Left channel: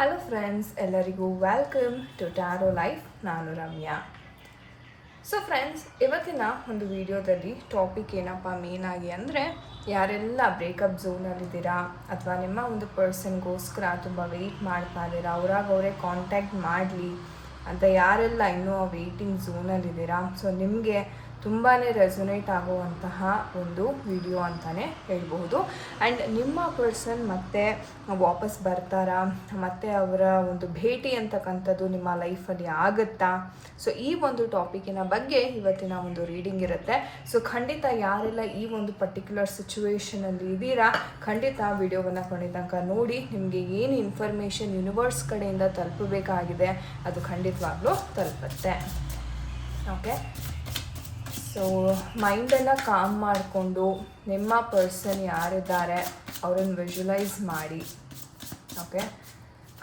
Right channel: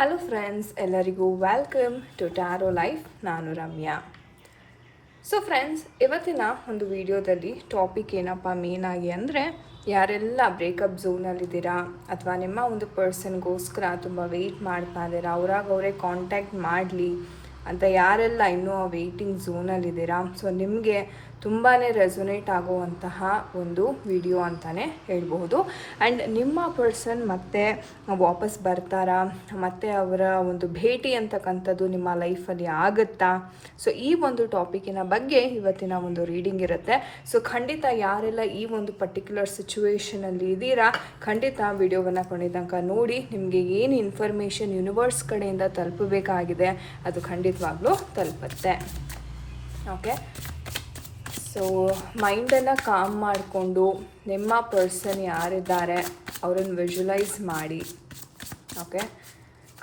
Hello friends, ಎಲ್ಲರಿಗೂ welcome to taro life. ನಾನು Ramya. So friends, ಇವತ್ತಿನ ಒಂದು ವಿಡಿಯೋದಲ್ಲಿ ಟಾಪಿಕ್ ಏನಪ್ಪ ಮೇನ್ ಆಗಿ ಅಂದರೆ, ಯಾರೆಲ್ಲ ಬ್ರೇಕಪ್ ಝೋನಲ್ಲಿದ್ದೀರಾ ಅಥವಾ ನಿಮ್ಮ ಒಂದು ಪರ್ಸನ್ಗೋಸ್ಕರ ತುಂಬ ವೆಯ್ಟ್ ಮಾಡ್ತಾ ಇದ್ದೀರಾ, ಅವರೇ ಕಾಂಟ್ಯಾಕ್ಟ್ ಮಾಡಲಿ ಅಂತ ಯಾರೆಲ್ಲ ಇನ್ನೂ ವೆಯ್ಟಿಂಗ್ ಝೋನಲ್ಲಿದ್ದೀರಾ, ಸೊ ನಿಮಗೆ ತುಂಬಾ ರೆಸೊನೇಟ್ ಆಗುವಂತಹ ಒಂದು ವಿಡಿಯೋ ಅಂತಲೇ ಹೇಳ್ಬೋದು. ಆ್ಯಂಡ್ ನಿಮ್ಮ ಪರ್ಸನ್ ಮತ್ತೆ ವಾಪಸ್ ಬರ್ತಾರಾ, ಮತ್ತು ಅವರ ಒಂದು ಭೇಟಿ ಅಂತಕ್ಕಂಥದ್ದು ನಿಮ್ಮ ಲೈಫಲ್ಲಿ ಆಗುತ್ತಾ? ಸೊ ಈ ಒಂದು ಟಾಪಿಕಿನ ಬಗ್ಗೆ ಇವತ್ತಿನ ಒಂದು ರೀಡಿಂಗ್ ಇರುತ್ತೆ. ಸೊ ಖಂಡಿತ ಯಾರೆಲ್ಲ ಈ ಒಂದು ಪರ್ಟಿಕ್ಯುಲರ್ ಸಿಚುವೇಶನಲ್ಲಿ ಇದ್ದೀರಾ, ಖಂಡಿತ ವಿಡಿಯೋವನ್ನು ಕೊನೆ ತನಕ ನೋಡಿ. ನಿಮಗೆ ಏನು ಇನ್ಫಾರ್ಮೇಷನ್ ಯೂನಿವರ್ಸ್ ಕಡೆಯಿಂದ ತಲುಪಬೇಕಾಗಿದೆ ಅದು ಖಂಡಿತವಾಗ್ಲೂ ತಲುಪುತ್ತೆ. ಓಕೆ, ಸೊ ಮೈಂಡನ್ನು ಕಾಮ್ ಮಾಡಿಕೊಂಡು ನಿಮ್ಮ ಪರ್ಸನ್ ಯಾರಿದ್ದಾರೆ ಅವರನ್ನು ವಿಜುವಲೈಸ್ ಮಾಡಿ. ಓಕೆ,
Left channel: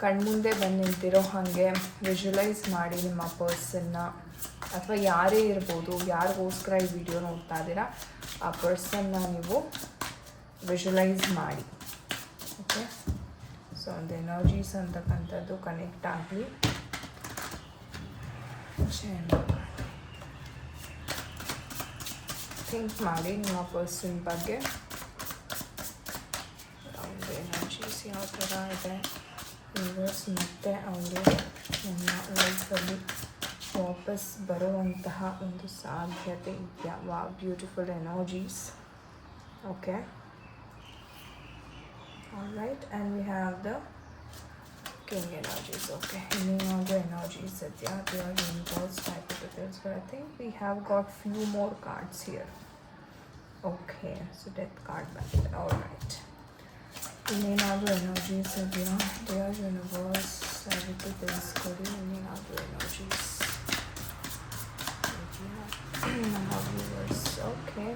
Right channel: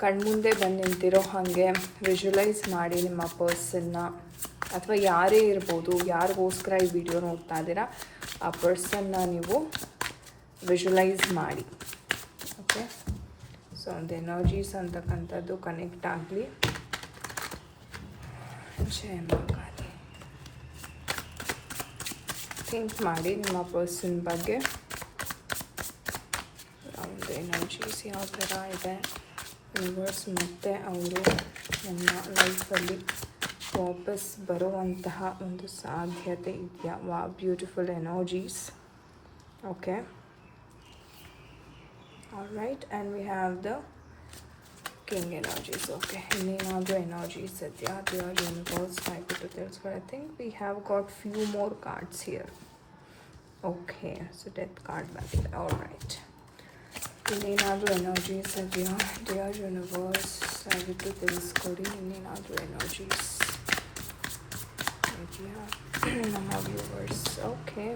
ಕಣ್ಮುಂದೆ ಬಂದು ನಿಂತಿರೋ ಹಾಗೆ ವಿಜುವಲೈಸ್ ಮಾಡಿ ನಿಮ್ಮ ಪರ್ಸನ್ನ, ಅಥವಾ ಯಾರೇ ಇರ್ಬೋದು, ಯಾರಿಗೋಸ್ಕರ ಈ ವಿಡಿಯೋ ನೋಡ್ತಾ ಇದ್ದೀರಾ ಆ ಪರ್ಸನ್ನ ನೀವು ವಿಜುವಲೈಸ್ ಮಾಡಿ. ಓಕೆ, ಸೊ ಒಂದು ಎನರ್ಜೀಸ್ ಅಂತಕ್ಕಂಥದ್ದು ಕನೆಕ್ಟ್ ಆಗಲಿ. ಥಿಂಕ್ ಮಾಡಿ ನಿಮ್ಮ ಪರ್ಸನ್ ಬಗ್ಗೆ. ಒಂದು ಎನರ್ಜೀಸ್ ಯಾವ ಥರ ಇದೆ, ಯೂನಿವರ್ಸ್ ಮತ್ತೆ ಅವರು ನಮ್ಮ ಲೈಫಲ್ಲಿ ವಾಪಸ್ ಬರುವಂತಹ ಒಂದು ಸಾಧ್ಯತೆ ಇದೆಯಾ? ವಾ, beautiful energies. Okay, all right, and we have the king energies. Okay, any other energies that they are universe happy to this, but I think we have got few more cards here. Okay, so death card like that. All right, any other energies that they are universe happy to this, any other energies. Okay,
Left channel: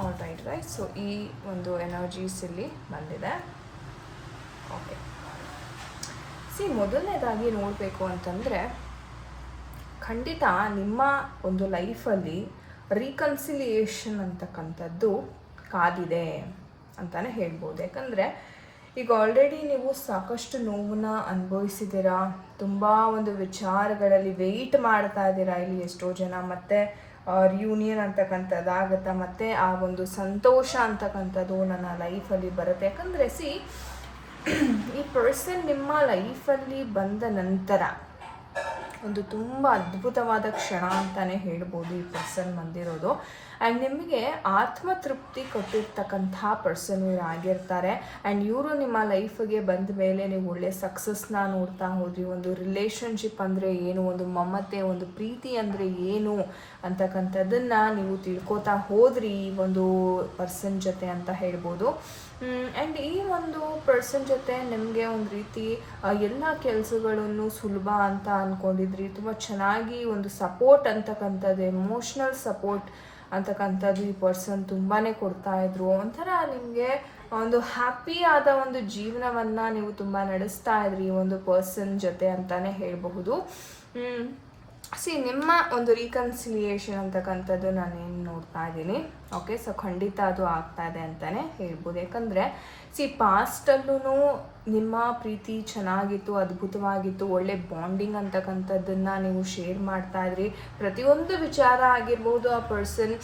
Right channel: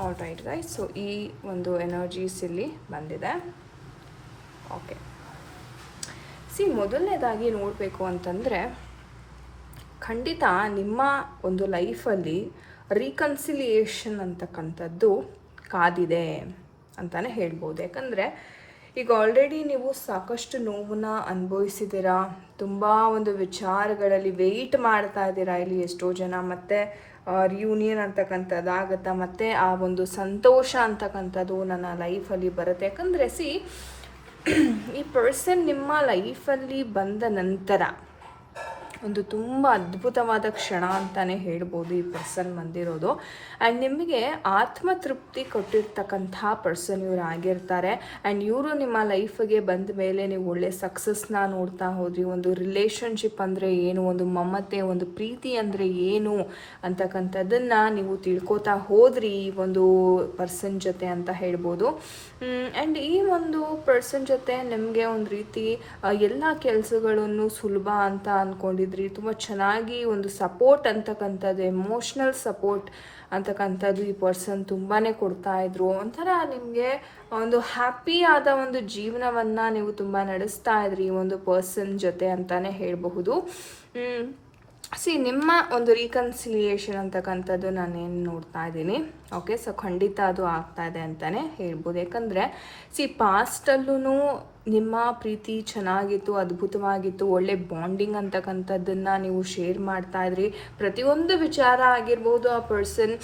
all right, right. So ಈ ಒಂದು energies ಇಲ್ಲಿ ಬಂದಿದೆ. Okay, ಮೊದಲನೇದಾಗಿ ನೋಡಬೇಕು ಅಂತಂದರೆ, ಖಂಡಿತ ನಿಮ್ಮ ಒಂದು ಲೈಫಲ್ಲಿ ರೀಕನ್ಸಿಲಿಯೇಷನ್ ಅಂತಕ್ಕಂಥದ್ದು ಕಾದಿದೆ ಅಂತಲೇ ಹೇಳ್ಬೋದು. ಯಾಕಂದರೆ ಈಗ ಆಲ್ರೆಡಿ ನೀವು ಸಾಕಷ್ಟು ನೋವನ್ನ ಅನುಭವಿಸಿದ್ದೀರಾ, ತುಂಬ ಒಂದು ವಿಚಾರಗಳಲ್ಲಿ ವೆಯ್ಟ್ ಮಾಡ್ತಾ ಇದ್ದೀರಾ. ಇಲ್ಲಿ ಎಷ್ಟೋ ಜನ ಮತ್ತೆ ರಿಯೂನಿಯನ್ ಅಂತಕ್ಕಂಥದ್ದು ಆಗುತ್ತಾ, ಮತ್ತು ಆ ಒಂದು ಸಂತೋಷ ಅಂತಕ್ಕಂಥದ್ದು ನನ್ನ ಲೈಫಲ್ಲಿ ಬರುತ್ತೆ. ಯಾಕಂದರೆ ಈ ಪರ್ಸನ್ ನಿಮ್ಮ ಲೈಫಲ್ಲಿ ಬಂದ ನಂತರ ಒಂದು ತುಂಬ ಅದ್ಭುತವಾದ ಕ್ಷಣ ಅಂತಲೇ ಹೇಳ್ಬೋದು ಈ ಪರ್ಸನ್ ಬಂದಿರೋದು. ಆ್ಯಂಡ್ ನಿಮಗೆ ಆತ್ಮತೃಪ್ತಿ ಕೊಟ್ಟಿರ್ತಕ್ಕಂತಹ ಪರ್ಸನ್ ಇವರು ಆಗಿರ್ತಾರೆ. ಆ್ಯಂಡ್ ಇವರು ನಿಮ್ಮ ಲೈಫಿಗೆ ಬಂದ ಮೇಲೆ ನೀವು ಒಳ್ಳೆ ಸಕ್ಸಸ್ನ ನೋಡ್ತಾ ಹೋದ್ರಿ. ಒಂದು ರಿಲೇಷನ್ಶಿಪ್ ಅಂದರೆ ಏನು, ಒಂದು ಮಮತೆ, ಒಂದು ಪ್ರೀತಿ ಅಂದರೆ ಏನು ಅಂತಕ್ಕಂಥದ್ದನ್ನು ನೀವು ತಿಳ್ಕೊತಾ ಹೋದ್ರಿ ಈ ಒಂದು ಪರ್ಸನ್ ಜೊತೆ ಅಂತ ಹೇಳ್ಬೋದು. ಆ್ಯಂಡ್ ಈ ಒಂದು ಪರ್ಸನ್ ಜೊತೆ ನಿಮಗೆ ಒಂದು ರೀತಿ ಎಲ್ಲ ಕೆಲಸಗಳನ್ನು ಸುಲಭ ಅಂತ ಅಂದ್ಕೊಂಡಿದ್ರಿ. ತುಂಬ ಚೆನ್ನಾಗಿ ಒಂದು ಸಪೋರ್ಟ್ ಅಂತಕ್ಕಂಥದ್ದು, ಎಮೋಷ್ನಲ್ ಸಪೋರ್ಟ್ ಅಂತಕ್ಕಂಥದ್ದು ಈ ಪರ್ಸನ್ ತುಂಬಾ ಕೊಡ್ತಾ ಇದ್ರು. ಒಂಥರ ನಿಮಗೆ ಒಂದು ಹ್ಯಾಪಿ ಆದ ಒಂದು ಜೀವನವನ್ನು ನೀವು ತುಂಬ ನಡೆಸ್ತಾ ಇದ್ರಿ ಈ ಒಂದು ಪರ್ಸನ್ ಜೊತೆ ಅಂತಲೇ ಹೇಳಬಹುದು. ನಿಮ್ಮ ಒಂದು ರೀಕನ್ಸಿಲಿಯೇಷನ್ ಅಂತಕ್ಕಂಥದ್ದು ನಾನೇನು ನೋಡ್ತಾ ಇದ್ದೀನಿ. ಓಕೆ, ಸೊ ಖಂಡಿತ ಅದು ಆಗ್ತಾ ಇದೆ ಅಂತಲೇ ಹೇಳ್ಬೋದು. ಯಾಕಂದರೆ ಪಾಸ್ಟಲ್ಲೂ ನಿಮ್ಮ ಪ್ರೀತಿ ಚೆನ್ನಾಗಿತ್ತು, ಅದ್ಭುತವಾಗಿತ್ತು, ಒಳ್ಳೆ ಬಾಂಡಿಂಗ್ ಅಂತಕ್ಕಂಥದ್ದನ್ನು ನೀವು ಶೇರ್ ಮಾಡ್ತಾ ಇದ್ರಿ. ಪ್ರತಿಯೊಂದು ವಿಚಾರ ಆಗಿರ್ಬೋದು ಆ ಪರ್ಸನ್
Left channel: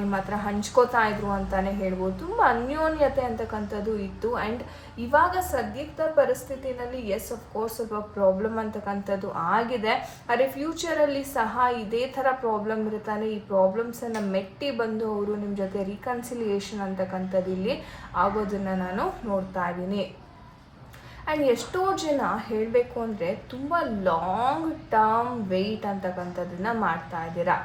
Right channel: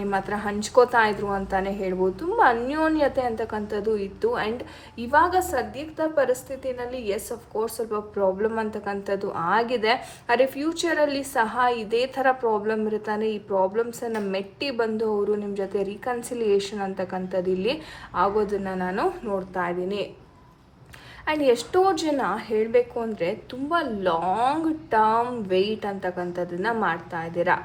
ನಿಮ್ಮ ಹತ್ರ ಹಂಚ್ಕೋತಾ ಇದ್ರು ಅಂತಲೇ ಹೇಳ್ಬೋದು. ತುಂಬ ಅನ್ಯೋನ್ಯತೆ ಅಂತಕ್ಕಂಥದ್ದು ಇತ್ತು. ಆ್ಯಂಡ್ ಇವಾಗ ಸದ್ಯದ ಪರಿಸ್ಥಿತಿನಲ್ಲಿ ಎಸ್ ಅಫ್ಕೋರ್ಸ್ ಸ್ವಲ್ಪ ಪ್ರಾಬ್ಲಮ್ ಅಂತಕ್ಕಂಥದ್ದು ಆಗಿದೆ. ಆದರೆ ಫ್ಯೂಚರಲ್ಲಿ ಸಹ ಇದೇ ಥರ ಪ್ರಾಬ್ಲಮ್ ಇರುತ್ತಾನೆ. ಈ ಪ್ರಾಬ್ಲಮ್ಸನ್ನು ಮೆಟ್ಟಿ ಬಂದು ಅವರು ನಿಮ್ಮ ಜೊತೆ ರೀಕನ್ಸಿಲಿಯೇಷನ್ ಅಂತಕ್ಕಂಥದ್ದು ಇಲ್ಲಿ ಆಗೋದನ್ನು ನಾನು ನೋಡ್ತಾ ಇದ್ದೀನಿ. ಆ್ಯಂಡ್ ಎಷ್ಟೋ ಜನ ಹೇಳಬೇಕು ಅಂದರೆ ತುಂಬ ಲಾಂಗ್ ಟರ್ಮ್ ವೆಯ್ಟ್ ಅಂತಕ್ಕಂಥದ್ದನ್ನು ಮಾಡ್ತಾ ಇದ್ದೀರಾ.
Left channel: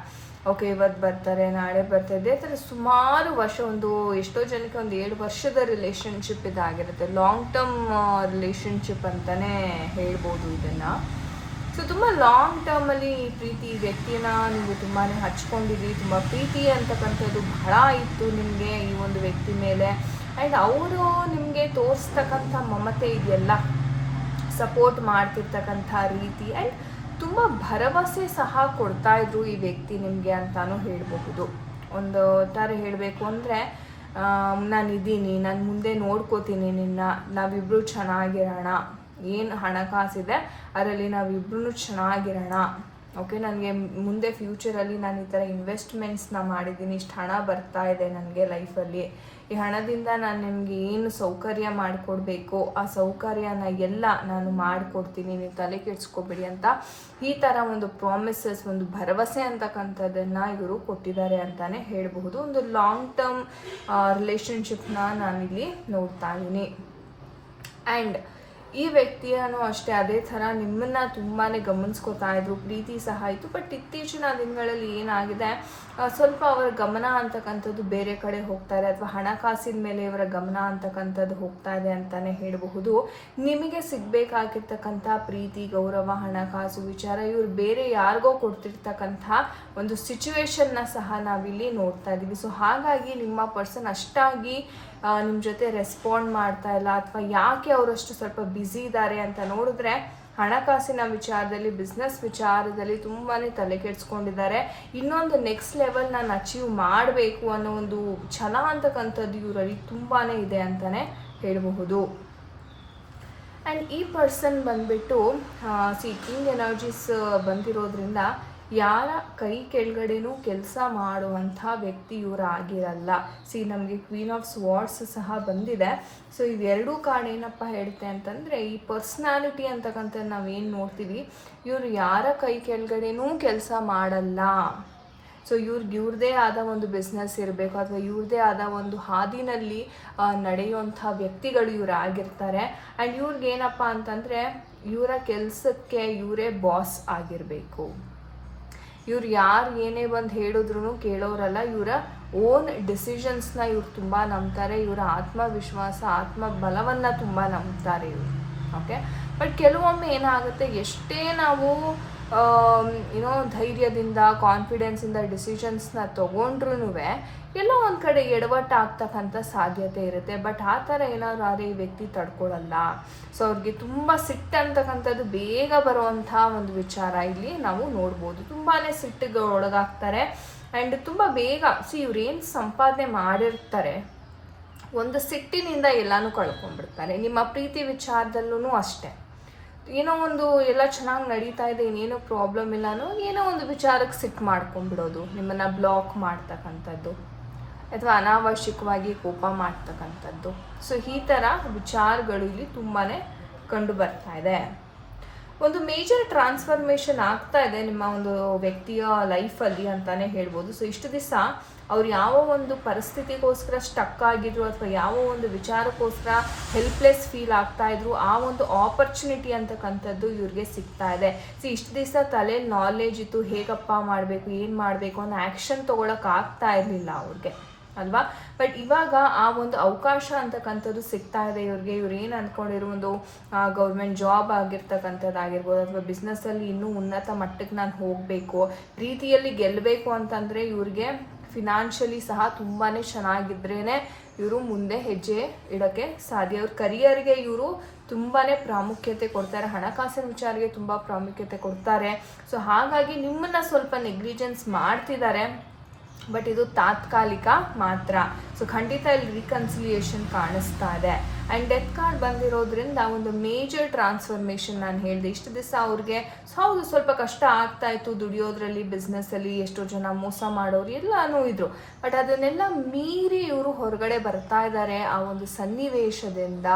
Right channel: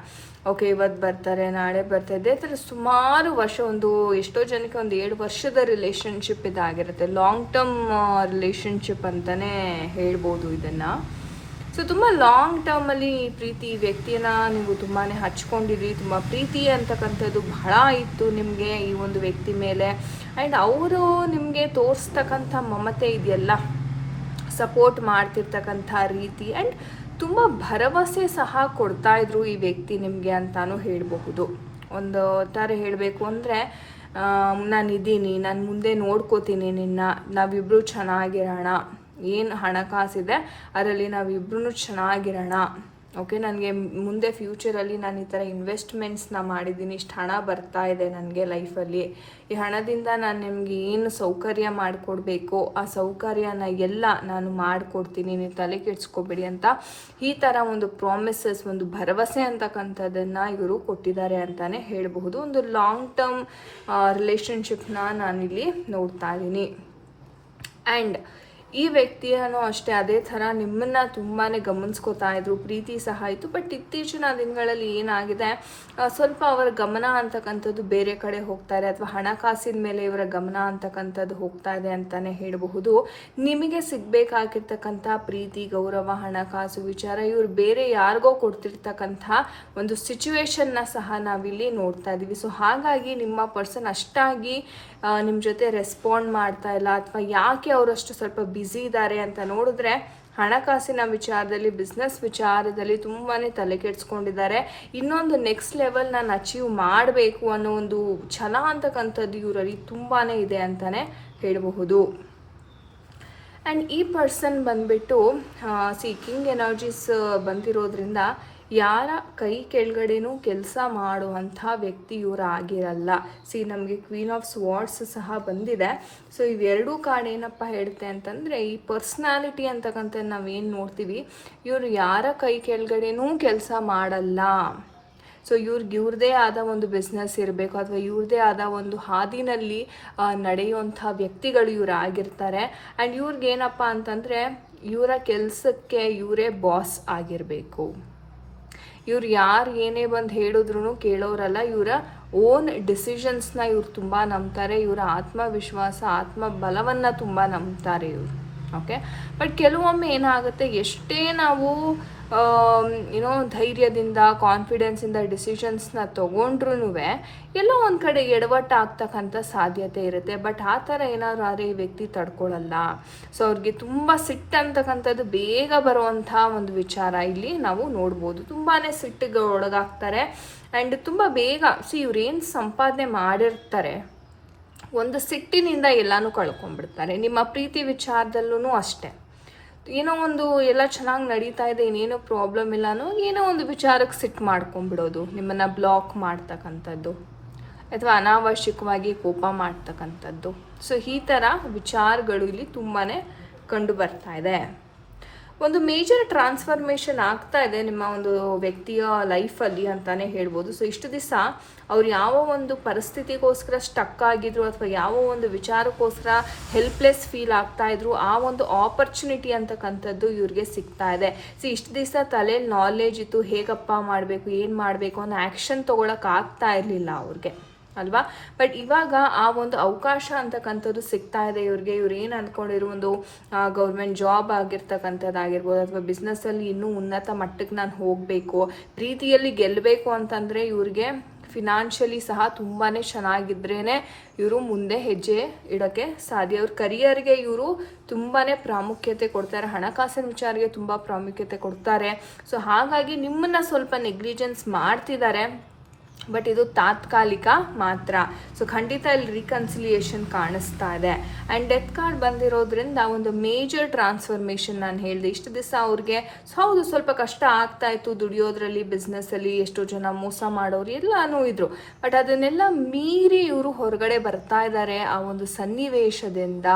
ಓಕೆ, ಇವತ್ತು ಬರ್ತಾರೆ, ನಾಳೆ ಬರ್ತಾರೆ, ಇದೇ ಥರ ಸುಮಾರು ವರ್ಷ, ಒಂದು ಎಷ್ಟೋ ಜನಕ್ಕೆ ಒಂದು 7 ವರ್ಷದ ರಿಲೇಷನ್ಶಿಪ್ ಇದಾಗಿರುತ್ತೆ. ಲಾಂಗ್ ಟರ್ಮ್ ರಿಲೇಷನ್ಶಿಪ್ ಅಂತಲೇ ಹೇಳ್ಬೋದು ಇದನ್ನು. ಸೊ ತುಂಬ ಲಾಂಗ್ ಟರ್ಮಲ್ಲಿ ಈ ಪ್ರೀತಿ ವ್ಯಕ್ತಿಯನ್ನು ನೀವು ತುಂಬಾ ಹಚ್ಕೊಂಡಿದ್ರಿ. ತುಂಬ ಪ್ರೀತಿ ಅಂತಕ್ಕಂಥದ್ದು ಬಹಳ ಇತ್ತು ನಿಮಗೆ ಈ ಒಂದು ವ್ಯಕ್ತಿ ಮೇಲೆ. ಆ್ಯಂಡ್ ಅವರು ನಿಮಗೆ ತೋರಿಸ್ತಕ್ಕಂಥ ಮಮತೆ ಇದೆಯಲ್ಲ, ಸಪೋರ್ಟ್ ಮಾಡ್ತಿರ್ತಕ್ಕಂಥ ರೀತಿ, ಆ್ಯಂಡ್ ತುಂಬ ಭರವಸೆ ಸಹ ಕೊಡ್ತಾಯಿದ್ರು ಈ ವ್ಯಕ್ತಿ ನಿಮಗೆ ಅಂತಾನು ಹೇಳಬಹುದು. ಒಂದು ತರ ಹೇಳಬೇಕು ಅಂದರೆ ನಾನಿದ್ದೀನಿ, ನಾನು ಮುಂದೆ ನೋಡ್ಕೋತೀನಿ ನಿನ್ನ, ನಾವಿಬ್ಬರು ಚೆನ್ನಾಗಿರೋಣ, ಏನು ಹಣಕಾಸಿದೆ ಅದರಲ್ಲಿ ನಾವಿಬ್ಬರೂ ಚೆನ್ನಾಗಿರೋಣ. ಓಕೆ, ನನಗೆ ಮುಂದೆ ಫ್ಯೂಚರಲ್ಲಿ ನಾನು ಈ ಥರ ಇನ್ವೆಸ್ಟ್ಮೆಂಟ್ಸ್ನ ಮಾಡಿದ್ದೀನಿ, ಇಷ್ಟು ಹಣ ಬರ್ತಾ ಇದೆ ನನಗೆ ಲೈಫಲ್ಲಿ, ಈ ಹಣದಿಂದ ನಾನು ನಿಮಗೆ ಏನು ಸೌಕರ್ಯ ಮಾಡಿಕೊಡ್ಬೇಕು ಆ ಸೌಕರ್ಯನ ಎಲ್ಲ ನಾನು ಮಾಡಿಕೊಡ್ತೀನಿ, ನೀವು ತಲೆ ಕೆಡಿಸ್ಕೋಬೇಡಿ ಅಂತ ಈ ಥರ ಒಂದು ಪ್ರಾಮಿಸಸ್, ಒಂದು ಭರವಸೆ ಅಂತಕ್ಕಂಥದ್ದನ್ನು ಇವರು ಕೊಟ್ಟಿದ್ದಾರೆ ಅಂತಲೇ ಹೇಳಬಹುದು. ಒಂದು ಲಾಂಗ್ ಟರ್ಮ್ ರಿಲೇಷನ್ಶಿಪ್ನ ನಾನಿಲ್ಲಿ ನೋಡ್ತಾ ಇದ್ದೀನಿ. ಆ್ಯಂಡ್ ಈ ವ್ಯಕ್ತಿಯನ್ನು ಅಷ್ಟೇ ಅದೇ ಥರ ನಿಮ್ಮನ್ನು ತುಂಬಾ ಗಮನಿಸ್ಕೋತಾ ಇದ್ರು, ಪ್ರೀತಿ ಸಹ ಇತ್ತು. ಬಟ್ ಇತ್ತೀಚಿನ ದಿನಗಳಲ್ಲಿ ಏನಾಗಿದೆ, ಸ್ವಲ್ಪ ಅವರ ಗಮನ ಅಂತಕ್ಕಂಥದ್ದು ಬೇರೆ ಕಡೆ ಹೋಗ್ತಾರೆ, ಅಥವಾ ಹಣಕಾಸಿನ ಮೇಲೆ ಇವರ ಗಮನ ಅಂತಕ್ಕಂಥದ್ದು ಹೋಗ್ತಾ ಇದೆ ಅಂತಲೇ ಹೇಳಬಹುದು. ನಿಮಗೆ ಸಿಗಬೇಕಾಗಿರ್ತಕ್ಕಂಥ ಪ್ರೀತಿ, ಗೌರವ, ಹಣಕಾಸು ವಿಚಾರ ಇವರು ಬೇರೆ ಯಾರಿಗೋ ಕೊಡ್ತಿರ್ತಕ್ಕಂಥ ಒಂದು ಸಿಚುವೇಶನ್ನ ಸಹ ನಾವಿಲ್ಲಿ ನೋಡ್ತಾ ಇದ್ದೀವಿ. ಸೊ ಹಾಗಾಗಿ ನಿಮ್ಮ ಪರ್ಸನ್ ಅಷ್ಟಾಗಿ ನಿಮ್ಮ ಜೊತೆ ರೆಸ್ಪಾಂಡ್ ಮಾಡ್ತಾ ಇಲ್ಲ, ಅಥವಾ ಯಾಕೆ ಅವರಷ್ಟು ಸ್ವಲ್ಪ ಬ್ಯುಸಿ ಇದ್ದಾರೆ ಅಂತ ನೋಡಿದ್ರೆ ಹಣಕಾಸಿನ ವಿಚಾರದಲ್ಲಿ, ಬಿಸ್ನೆಸ್ ವಿಚಾರದಲ್ಲಿ ತುಂಬಾ ತಲೆ ಕೆಡಿಸ್ಕೊಂಡಿದ್ದಾರೆ. ಇನ್ನೊಂದು ನೆಕ್ಸ್ಟ್ ಲೆವೆಲ್ ನಾನು ಅಚೀವ್ ಮಾಡಬೇಕು ಅನ್ನೋ ಒಂದು ಛಲ ಅಂತಕ್ಕಂಥದ್ದು ಇವರಲ್ಲಿ ತುಂಬಾ ಇದೆ ಅಂತಲೇ ಹೇಳಬಹುದು. ಆ್ಯಂಡ್ ಈ ಪರ್ಸನ್ ಬಂದ್ಬಿಟ್ಟು ಕಿಂಗ್ ಎನರ್ಜೀಸ್ ಬಂದಿರೋದ್ರಿಂದ ಯಾರ ಕೈ ಕೆಳಗಡೆನೂ ಕೆಲಸ ಮಾಡುವಂಥ ವ್ಯಕ್ತಿ ಇವರು ಆಗಿರಲ್ಲ. ನಮಗೆ ಕ್ವೀನ್ ಆಫ್ ಸ್ವಾರ್ಡ್ಸ್ ಸಹ ಬಂದಿದೆ. ಸೊ ಇವೆರಡೂ ಕಾರ್ಡ್ ಏನಪ್ಪ ಹೇಳುತ್ತೆ ಅಂತಂದರೆ, ಈ ಪರ್ಸ್ನಾಲಿಟಿ ಅಂತಕ್ಕಂಥ ನಾವೇನು ನೋಡ್ತೀವಿ, ಇವರು ಯಾರ ಕೈ ಕೆಳಗಡೆನೂ ಕೆಲಸ ಮಾಡಲ್ಲ. ಸೊ ಇವ್ರದ್ದೇ ಆದ ಒಂದು ಬಿಸ್ನೆಸ್ ಇರಬೇಕು, ಅಥವಾ ಇವ್ರದ್ದೇ ಆದ ಒಂದು ಹಾದಿನಲ್ಲಿ ನಡೆಯುವಂಥ ವ್ಯಕ್ತಿಗಳು ಇವರು ಆಗಿರ್ತಾರೆ. ಆ್ಯಂಡ್ ಇವ್ರಿಗೇನಪ್ಪ ಅಂತಂದರೆ, ಇವರ ಕೆಲಸಕ್ಕೆ ಇವರೇ ಬಾಸ್ ಆಗಿರಬೇಕು. ಇವ್ರು ಯಾರು ಏನೇ ಬಂದು ಹೇಳಿದ್ರು ಕೇಳೋರಲ್ಲ, ಇವರ ಓನ್ ಡಿಸಿಷನ್ಸ್ನ ಇವ್ರು ತುಂಬ ನಂಬ್ತಾರೆ. ಇವರ ಆತ್ಮವಿಶ್ವಾಸ, ಆತ್ಮಬಲವನ್ನು ತುಂಬ ನಂಬ್ತಾರೆ ಇವರು. ಓಕೆ, ಬಟ್ ಕೆಲವೊಮ್ಮೆ ಏನಾಗುತ್ತೆ, ಎಷ್ಟೇ ನಾವು ಧೈರ್ಯದಿಂದ, ಕಾನ್ಫಿಡೆನ್ಸಿಂದ ಡಿಸಿಷನ್ಸ್ನ ತೊಗೊಂಡ್ರೂ ಎಲ್ಲೋ ಒಂದು ಕಡೆ ಎಡವಟ್ಟಾಗ್ತಕ್ಕಂಥ ಸಾಧ್ಯತೆ ಇರುತ್ತೆ. ಬಟ್ ಆ ಥರ ಏನಾದ್ರು ಆದರೆ ಈ ವ್ಯಕ್ತಿ ತಡ್ಕೊಳ್ಳಲ್ಲ. ಸೊ ಅವ್ರಿಗೆ ತುಂಬ ಸಿಟ್ಟು ಅಂತಕ್ಕಂಥದ್ದು ಬೇಗ ಬರುವಂಥ ಒಂದು ವಿಚಾರ ಇಲ್ಲಿ ನಾವು ನೋಡ್ಬೋದು. ತುಂಬಾ ಸಿಟ್ಟಿಗೆ ಒಳಗಾಗ್ತಾರೆ. ಆ್ಯಂಡ್ ತುಂಬ ಬೇಗ ಇವ್ರೇನು ಸಂಪಾದನೆ ಮಾಡಿರ್ತಾರೆ, ಒಂದು ಸಿಟ್ಟಿನಿಂದ ಎಲ್ಲನೂ ಕಳ್ಕೊಂಡ್ಬಿಡ್ತಾರೆ. ನಿಮ್ಮ ಪ್ರೀತಿ ವಿಚಾರದಲ್ಲೂ ಅಷ್ಟೇ, ಏನೋ ಒಂದು ಎಲ್ಲ ಚೆನ್ನಾಗಿ ನಡೀತಾ ಇದೆ, ಏನೇನೋ ಪ್ರಾಬ್ಲಮ್ ಇಲ್ಲ ಅನ್ನೋ ಏನೋ ಒಂದು ವಿಚಾರಕ್ಕೆ ಸಿಟ್ಟು ಮಾಡ್ಕೊಂಡ್ಬಿಡೋದು, ನಿಮ್ಮನ್ನು ಬ್ಲಾಕ್ ಮಾಡ್ತಕ್ಕಂಥದ್ದು, ಅಥವಾ ಅನಾವಶ್ಯಕವಾಗಿ ಕೋಪ ಮಾಡ್ತಕ್ಕಂಥದ್ದು. ಸೊ ಈ ಥರ ವಿಚಾರಗಳು ಇಲ್ಲಿ ತುಂಬಾ ಕಂಡು ಬರ್ತಾ ಇದೆ. ಒಂದು ಮೇಜರ್ ಟ್ರಾನ್ಸ್ಫಾರ್ಮೇಷನ್ ಆಗ್ತಾ ಇದೆ ನಿಮ್ಮ ಒಂದು ವ್ಯಕ್ತಿಯ ಲೈಫಲ್ಲಿ ಅಂತಲೇ ಹೇಳ್ಬೋದು. ಸೊ ಇಷ್ಟು ದಿವಸ ಅವ್ರು ಯಾವ ಒಂದು ಪರಿಸ್ಥಿತಿಗೋಸ್ಕರ ಸ್ಟಕ್ ಆಗಿದ್ರು, ಅಥವಾ ಯಾವ ಒಂದು ವಿಚಾರಕ್ಕೋಸ್ಕರ ಹೆಲ್ಪ್ಲೆಸ್ ಫೀಲ್ ಆಗ್ತಾ ಇದ್ರು, ಆ ಒಂದು ಆಪರ್ಚುನಿಟಿ ಅಂತಕ್ಕಂಥದ್ದು ಇವ್ರಿಗೆ ಸಿಗ್ತಾ ಇದೆ. ಇಷ್ಟು ದಿವಸ ತಲೆ ನಾಲೆಜ್ ಇತ್ತು, ಹೇಗಪ್ಪ ಮಾಡಬೇಕು, ಏನು ಮಾಡಬೇಕು ಅನ್ನೋ ಆ್ಯಕ್ಷನ್ ತೊಗೊಳಕ್ಕೆ ಆಗ್ತಾ ಇರಲಿಲ್ಲ ಅವ್ರಿಗೆ ಅಲ್ವಾ. ಬಟ್ ಇವಾಗ ಆ ಒಂದು ಅವಕಾಶ ಅಂತಕ್ಕಂಥದ್ದು ಸಿಗ್ತಾ ಇದೆ ಇವ್ರಿಗೆ. ಇವ್ರು ಏನು ಅಂದ್ಕೊಂಡಿರೋ ಒಂದು ಗೌರ್ಮೆಂಟ್ ಜಾಬ್ ಆಗಿರ್ತಕ್ಕಂಥದ್ದಾಗಿರ್ಬೋದು, ಅಥವಾ ಬಿಸ್ನೆಸ್ಸಲ್ಲಿ ಇನ್ನೂ ಉನ್ನತ ಮಟ್ಟಕ್ಕೆ ನಾನು ಹೋಗಬೇಕು, ಪ್ರೀತಿಯಲ್ಲಿ ಗೆಲ್ಲಬೇಕು ಅಂತಂದರೆ ಇವ್ರಿಗೆ ಫಿನಾನ್ಷಿಯಲಿ ಸಹ ತುಂಬಾ ಚೆನ್ನಾಗಿದ್ರೇ ಇವರು ಮುಂದೆ ಹೆಜ್ಜೆ ಇಡೋಕ್ಕೆ ಸಾಧ್ಯ. ಇವ್ರ ಕರಿಯರ್ಗೆ ಇವರು ತುಂಬಾ ಪ್ರಾಮುಖ್ಯತೆ ಕೊಡ್ತಾರೆ, ಹಣಕಾಸಿನ ವಿಚಾರಕ್ಕೆ ತುಂಬ ಪ್ರಾಮುಖ್ಯತೆ ಕೊಡ್ತಾರೆ. ಸೊ ಹಾಗಾಗಿ ನಿಮ್ಮನ್ನು ಸ್ವಲ್ಪ ನೆಗ್ಲಿಜೆನ್ಸ್ ಮಾಡ್ತಿದ್ದಾರೆ, ಬಟ್ ಇದು ತಾತ್ಕಾಲಿಕ ಮಾತ್ರ. ಸೊ ಖಂಡಿತ ಇಲ್ಲಿ ರಿಕನ್ಸಿಲಿಯೇಷನ್ ಕಾಣಿಸ್ತಾ ಇದೆ. ಆ್ಯಂಡ್ ಡೆತ್ ಕಾರ್ಡ್ ಬಂದಿರೋದ್ರಿಂದ ಒಂದು ಮೇಜರ್ ಟ್ರಾನ್ಸ್ಫಾರ್ಮೇಷನ್ ನಾನು ಹೇಳಿದೆ. ಇಷ್ಟು ದಿವಸ ಅವ್ರಿಗೆ ಹೌದು ಸ್ವಲ್ಪ ಕಷ್ಟ ಆಗ್ತಾ ಇತ್ತು ದುಡಿಯೋದ್ರಲ್ಲಿ, ಬಿಸ್ನೆಸ್ಸಲ್ಲಿ ಎಷ್ಟೋ ಜನ ಮೋಸ ಮಾಡೋರು ಎಲ್ಲನೂ ಇದ್ರು. ಬಟ್ ಅದನ್ನೆಲ್ಲ ಮೀರಿ ಇವರು ಹೊರಗಡೆ ಬರ್ತಾ ಇದ್ದಾರೆ ಆ ಒಂದು ಸನ್ನಿವೇಶದಿಂದ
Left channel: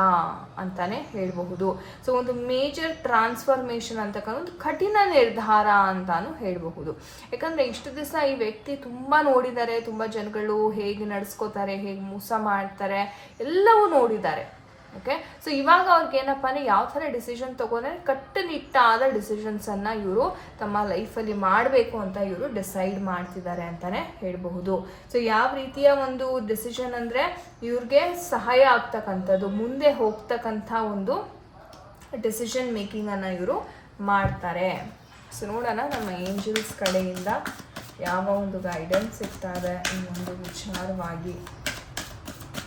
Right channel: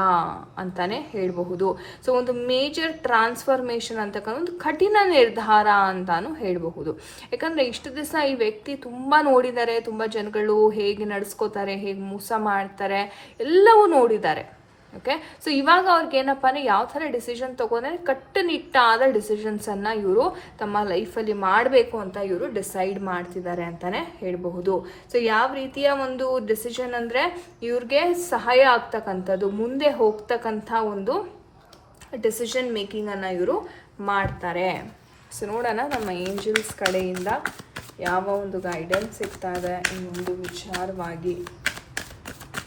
ಅಂತಾನೆ ಹೇಳಬಹುದು. ಸೊ ಒಂದು ಮೇಜರ್ ಟ್ರಾನ್ಸ್ಫಾರ್ಮೇಷನ್ ಅಂತಕ್ಕಂಥ ಒಂದು ಕಠಿಣ ನಿರ್ಧಾರ ಅಂತಾನು ಹೇಳಬಹುದು. ಯಾಕಂದರೆ ಇಷ್ಟು ದಿವಸ ಈ ವ್ಯಕ್ತಿ ತುಂಬ ನೋಡಿದ್ದಾರೆ, ತುಂಬ ಜನಗಳು ಹೇಗೆ ನಡೆಸ್ಕೋತಾರೆ, ಹೇಗೆ ಮೋಸ ಮಾಡ್ತಾರೆ ಎಲ್ಲವೂ ನೋಡಿದ್ದಾರೆ. ಓಕೆ, ಸೊ ಇವಾಗ ಅವ್ರಿಗೆ ಏನಪ್ಪ ಅಂದರೆ ಯಾವ ಥರ ಡಿಸಿಷನ್ ತೊಗೊಂಡ್ರೆ ಕಟ್ಟುನಿಟ್ಟಾದ ಡಿಸಿಷನ್ಸನ್ನು ಇವರು ತಮ್ಮ ಲೈಫಲ್ಲಿ ಮಾಡಬೇಕು ಅಂತ ಇವರು ಡಿಸೈಡ್ ಮಾಡ್ತಿದ್ದಾರೆ ಅಂತಲೇ ಹೇಳಬಹುದು. ಸೊ ಯಾವ ರೀತಿಯ ಒಂದು ಡಿಸಿಷನ್ ಅಂದರೆ ಇವ್ರಿಗೆ ಸಹಾಯ ಆಗ್ತಕ್ಕಂಥದ್ದು, ಮುಂದೆ ಹೋಗ್ತಕ್ಕಂಥ ಒಂದು ಡಿಸಿಷನ್ ಮೇಕಿಂಗನ್ನು ಇವರು ಮಾಡ್ತಾರೆ. ಸೊ ನೋಡೋಣ ನಮ್ಮ ಏಂಜಲ್ಸ್ ಕಡೆಯಿಂದ ಯಾವ ಒಂದು ಗೈಡೆನ್ಸ್ ಸಿಗ್ತಾ ಇದೆ ಈ ಒಂದು ವಿಚಾರವಾಗಿ.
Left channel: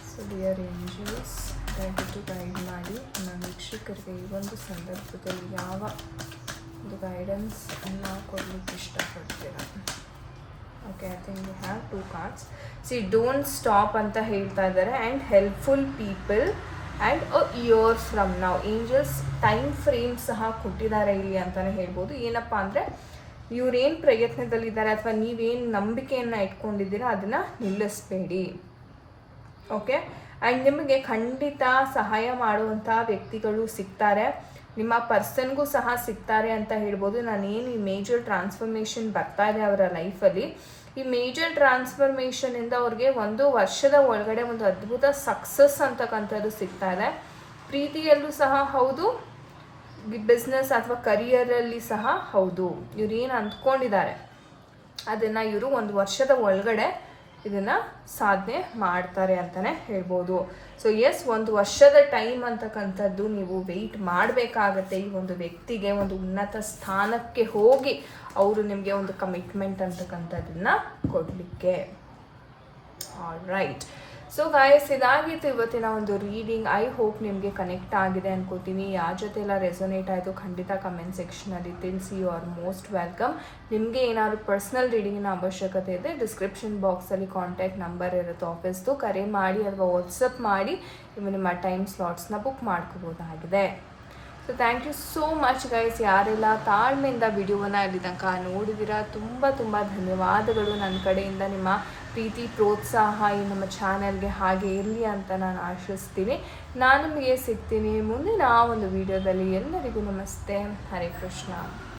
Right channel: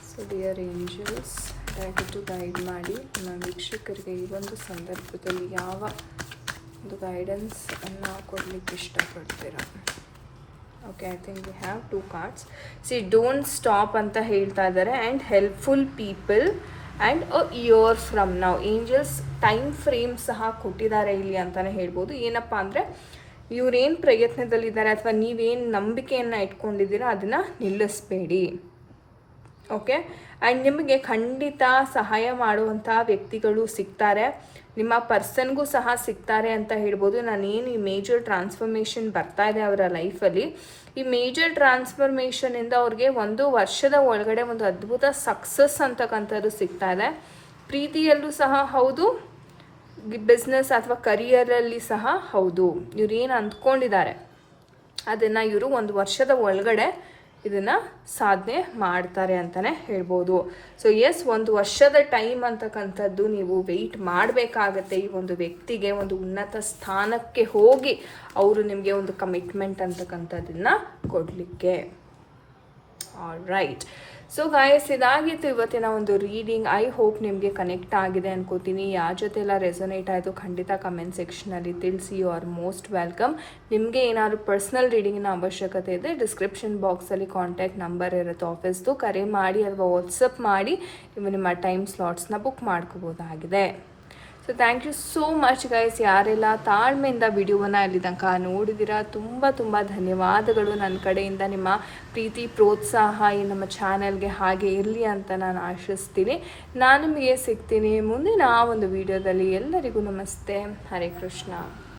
ಸೊ ಡಿಯರ್ ಏಂಜಲ್ಸ್, ದಯವಿಟ್ಟು ಗೈಡ್ ಮಾಡಿ ನಮ್ಮ ವೀಕ್ಷಕರಿಗೆ ಈ ಒಂದು ಸಂದರ್ಭದಲ್ಲಿ ಯಾವ ಒಂದು ಗೈಡೆನ್ಸ್ ಅನ್ನು ಕೊಡಲಿಕ್ಕೆ ಇಷ್ಟಪಡ್ತೀರಾ. Okay, I think we have 2 cards. C don't stop ಅಂತ ಹೇಳ್ತಾ ಇದ್ದಾರೆ, and helpful people and a years from now. Angels time frame ಸಹ ಕೊಟ್ಟಿದ್ದಾರೆ ಇಲ್ಲಿ ಅಂತಲೇ ಹೇಳ್ಬೋದು. ಏನಪ್ಪ ಅಂದರೆ ಇವ್ರೇನು ಪ್ರಯತ್ನದಲ್ಲಿದ್ದಾರೆ ಅಥವಾ ನೀವೇನು ನಂಬಿಕೆಯನ್ನು ಇಟ್ಕೊಂಡಿದ್ದೀರೋ ಅದನ್ನು ನಿಲ್ಲಿಸಬೇಡಿ. ಓಕೆ, ಆ್ಯಂಡ್ ನಿಮಗೆ ಖಂಡಿತ ಸಹಾಯ ಮಾಡುವಂಥ ವ್ಯಕ್ತಿಗಳು ಸಿಗ್ತಾರೆ, ನಿಮ್ಮ ಪರ್ಸನ್ಗೂ ಸಹ ಸಿಗ್ತಾರೆ ಅಂತ ಹೇಳ್ಬೋದು. ನಾನೇನು ಈ ಮೇಜರ್ ಟ್ರಾನ್ಸ್ಫಾರ್ಮೇಷನ್ ಬರ್ತಾ ಇದೆ ಅವರ ಲೈಫಲ್ಲಿ, ಈ ಮೇಜರ್ ಟ್ರಾನ್ಸ್ಫಾರ್ಮೇಷನಿಂದ ಅವ್ರಿಗೆ 1 ವರ್ಷದ ಒಳಗಡೆ ಒಂದು ಅದ್ಭುತ ಸಕ್ಸಸ್ ಅಂತಕ್ಕಂಥದ್ದು ಸಿಗ್ತಾ ಇದೆ. ಪ್ರೀತಿಯಲ್ಲೂ ಸಹ ಹೌದು, ಬಿಸ್ನೆಸ್ ಅಥವಾ ಕರಿಯರಲ್ಲಿ ಸಹ ಹೌದು. ಇವ್ರು ಏನು ಅಂದ್ಕೊಂಡಿದ್ದಾರೆ ಅದನ್ನು ಇವರು 1 ವರ್ಷದ ಒಳಗಡೆ ಇದನ್ನು ಸಾಧನೆ ಮಾಡ್ತಾರೆ ಅಂತಲೇ ಹೇಳ್ಬೋದು. ಸೊ ಎಸ್, 1 ವರ್ಷದ ಟೈಮ್ ಅಂತಕ್ಕಂಥದ್ದು ನೀವು ವೆಯ್ಟ್ ಮಾಡಬೇಕಾಗತ್ತೆ ಈ ಒಂದು ವ್ಯಕ್ತಿಗೆ ಒಂದು ಉನ್ನತ ಸ್ಥಾನಕ್ಕೆ ಹೋಗಿ ಅವರು ನಿಮಗೆ ಒಂದು ಕಮಿಟ್ಮೆಂಟ್ ಅಂತಕ್ಕಂಥದ್ದನ್ನು ಕೊಡಲಿಕ್ಕೆ. All right. ಸೊ ಗಾಯ್ಸ್, ಇದಾಗಿತ್ತು ಇವತ್ತಿನ ಒಂದು ರೀಡಿಂಗ್. ಐ ಹೋಪ್ ನಿಮಗೆ ಕನೆಕ್ಟ್ ಆಗಿದೆ ಅನ್ಕೋತೀನಿ. ಯಾರ ಜೊತೆ ಎಲ್ಲ ರೆಸೊನೇಟ್ ಆಯಿತು ಖಂಡಿತ ಕಮೆಂಟ್ ಸೆಕ್ಷನಲ್ಲಿ ತಿಳಿಸಿ. You are most welcome. ನಿಮಗೆ ಏನಾದ್ರು ಪರ್ಸ್ನಲ್ ರೀಡಿಂಗಿನ ಅವಶ್ಯಕತೆ ಇದೆ, ಡಿಸ್ಕ್ರಿಪ್ಷನ್ ಬಾಕ್ಸಲ್ಲಿ ಕಾಂಟ್ಯಾಕ್ಟ್ ನಂಬರ್ ಇರುತ್ತೆ ಆಫೀಸ್ದು, ಕರೆ ಮಾಡಿ ಅಥವಾ ವಾಟ್ಸಪ್ ಮಾಡಿ ನೀವು ನಿಮ್ಮ ಟೈಮ್ ಸ್ಲಾಟ್ಸ್ನ ಬುಕ್ ಮಾಡ್ಕೋಬೋದಾಗಿದೆ. So thank you so much guys. ಯಾರೆಲ್ಲ ತಾಳ್ಮೆಯಿಂದ ವಿಡಿಯೋವನ್ನು ಅಲ್ಲಿ ತನಕ ನೋಡಿದ್ದೀರಾ ತುಂಬ ತುಂಬ ಧನ್ಯವಾದಗಳು. ನನ್ನ ಕಡೆಯಿಂದ ನಿಮ್ಮ ಪ್ರೀತಿ ಪ್ರೋತ್ಸಾಹ ಈ ನಮ್ಮ ಚಾನೆಲ್ಗೆ ಹಾಗೆ ಇರಲಿ ಅಂತ ನಾನು ಆಶಿಸ್ತೀನಿ. ನಾನು ನಿಮಗೆ ಸಿಗ್ತೀನಿ ಮುಂದಿನ ಒಂದು ವಿಡಿಯೋದಲ್ಲಿ. ಎಲ್ಲರಿಗೂ ನಮಸ್ತೆ. ಹರೇ ಕೃಷ್ಣ.